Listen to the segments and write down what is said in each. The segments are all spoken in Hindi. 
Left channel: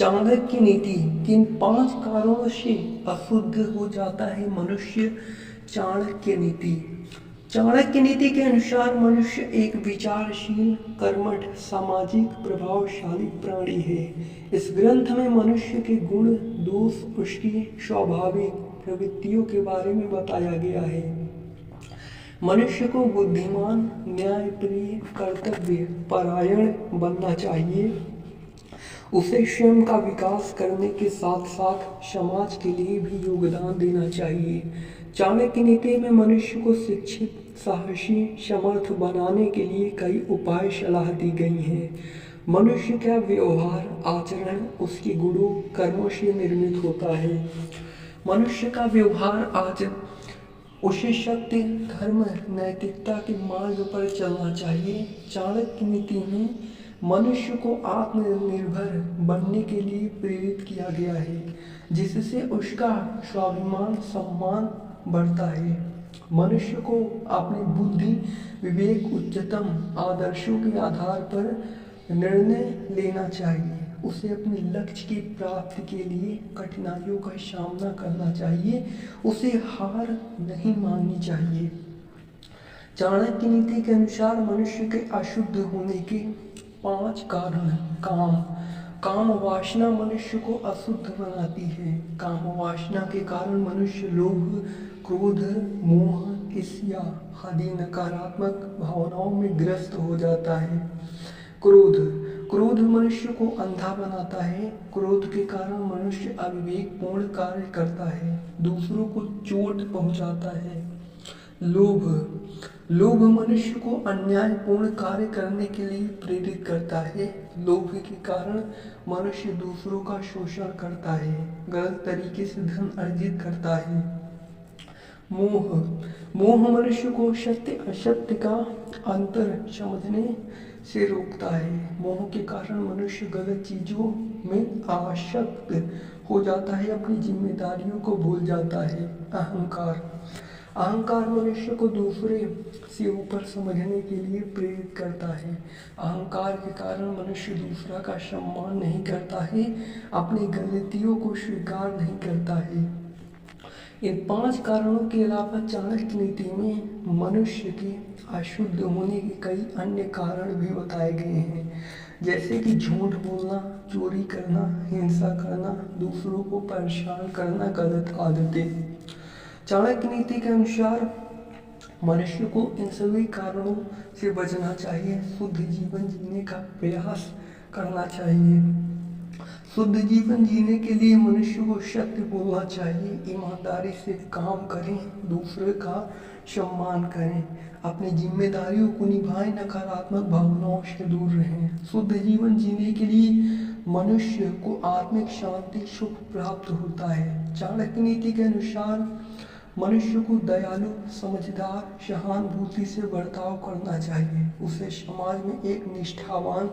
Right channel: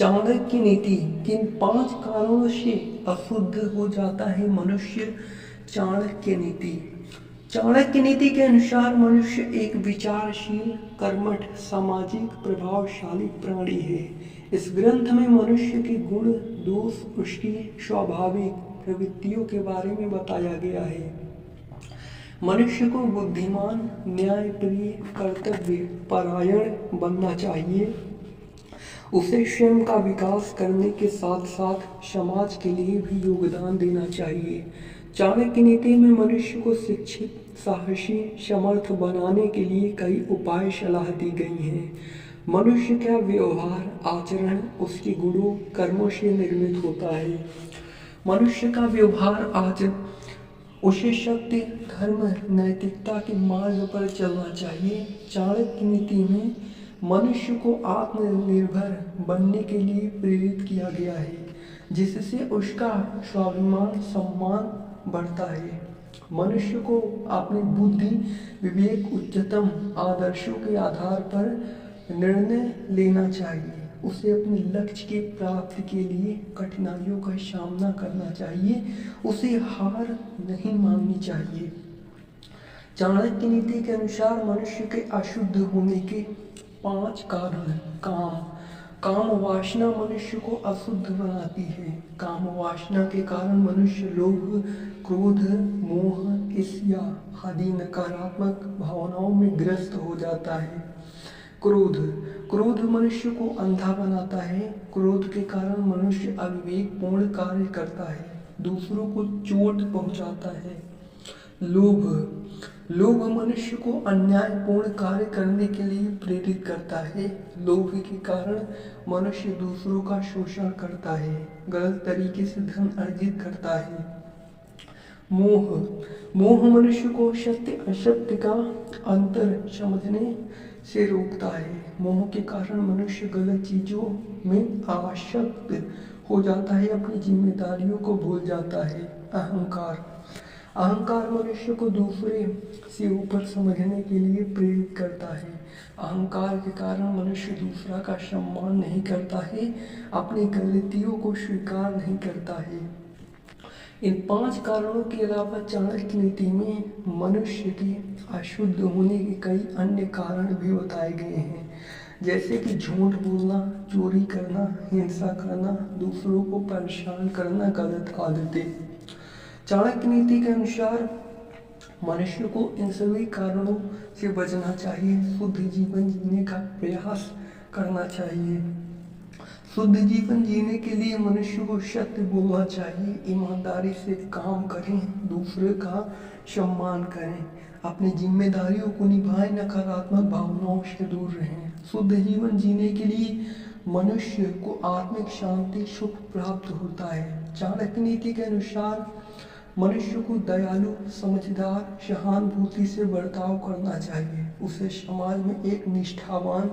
चाणक्य नीति किन 5 कारणों से अशुद्ध हो जाता है मनुष्य। चाणक्य नीति। चाणक्य नीति के अनुसार मनुष्य एक विचारशील, कर्मठ, सामाजिक, प्रभावशाली प्राणी है। इस ग्रंथ में मनुष्य के गुण, दोष, उसकी स्वाभाविक प्रवृत्तियों के बारे में बताया गया है। मनुष्य को बुद्धिमान, न्यायप्रिय, कर्तव्य परायण बनना चाहिए। उसे स्वयं का विकास करने के साथ साथ समाज के लिए भी योगदान देना चाहिए। चाणक्य नीति में मनुष्य को शिक्षित, साहसी, समर्थ बनाने के लिए कई उपाय सलाह दी गई हैं। मनुष्य का व्यवहार, आचरण उसके गुणों, कर्मों से निर्मित होता है। मनुष्य का व्यवहार आचरण उसे सत्य, धर्म, नैतिकता के मार्ग पर चलना चाहिए। चाणक्य नीति में मनुष्य को आत्मनिर्भर बनने के लिए प्रेरित किया गया है, जिससे उसका स्वाभिमान, सम्मान बढ़ता है। मनुष्य को अपनी बुद्धि, विवेक, उच्चतम आदर्शों के आधार पर निर्णय लेना चाहिए। उसे अपने लक्ष्य की प्राप्ति के लिए कठिनाइयों का सामना करना चाहिए। उसे हार नहीं माननी चाहिए। चाणक्य नीति के अनुसार मनुष्य के अशुद्ध होने के 5 कारण। काम वासना मनुष्य को अशुद्ध बनाती है। काम वासना के कारण मनुष्य लोभ, क्रोध, मोह, ईर्ष्या आदि नकारात्मक भावनाओं में ग्रस्त हो जाता है। क्रोध मनुष्य को अंधा बनाता है। क्रोध के कारण मनुष्य अविवेकपूर्ण कार्य करता है, दूसरों को चोट पहुंचाता है। लोभ मनुष्य को अन्यायपूर्ण कार्य करने के लिए प्रेरित करता है। लोभ के कारण मनुष्य दूसरों का शोषण करता है, गलत तरीके से धन अर्जित करता है। मोह मनुष्य को सत्य असत्य का अंतर समझने से रोकता है। मोह के कारण मनुष्य गलत चीजों में आसक्त हो जाता है, अपनी जिम्मेदारियों को भूल जाता है। अहंकार मनुष्य को दूसरे से ऊपर समझने के लिए प्रेरित करता है। अहंकार के कारण मनुष्य दूसरा का सम्मान नहीं करता है, अपनी गलतियों को स्वीकार नहीं करता है। इन 5 कारणों के अलावा चाणक्य नीति में मनुष्य के अशुद्ध होने के कई अन्य कारण भी बताए गए हैं, जैसे कि झूठ बोलना, चोरी करना, हिंसा करना, दूसरों को परेशान करना, गलत आदतें। चाणक्य नीति के अनुसार मनुष्य को इन सभी कारणों से बचना चाहिए। शुद्ध जीवन जीने का प्रयास करना चाहिए। शुद्ध जीवन जीने के लिए मनुष्य को सत्य बोलना चाहिए, ईमानदारी से काम करें, दूसरे का सम्मान करें, अपनी जिम्मेदारियों को निभाएं, नकारात्मक भावनाओं से दूर रहें। शुद्ध जीवन जीने के लिए मनुष्य को आत्मिक शांति, सुख प्राप्त होता है। चाणक्य नीति के अनुसार मनुष्य को दयालु, समझदार, सहानुभूति से बर्ताव करना चाहिए। उसे समाज में एक निष्ठावान,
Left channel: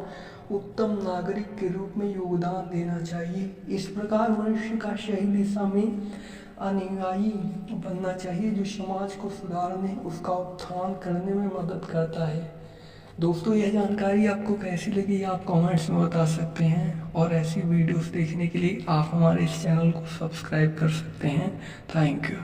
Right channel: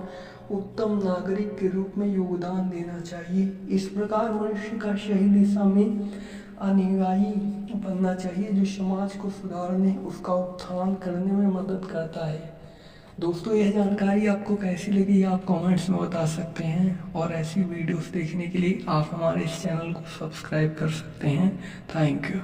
उत्तम नागरिक के रूप में योगदान देना चाहिए। इस प्रकार मनुष्य का सही दिशा में अनुयायी बनना चाहिए, जो समाज को सुधारने, उसका उत्थान करने में मदद करता है। दोस्तों, यह जानकारी आपको कैसी लगी आप कमेंट्स में बता सकते हैं, और ऐसी वीडियोस देखने के लिए आप हमारे इस चैनल को सब्सक्राइब कर सकते हैं। Thank you.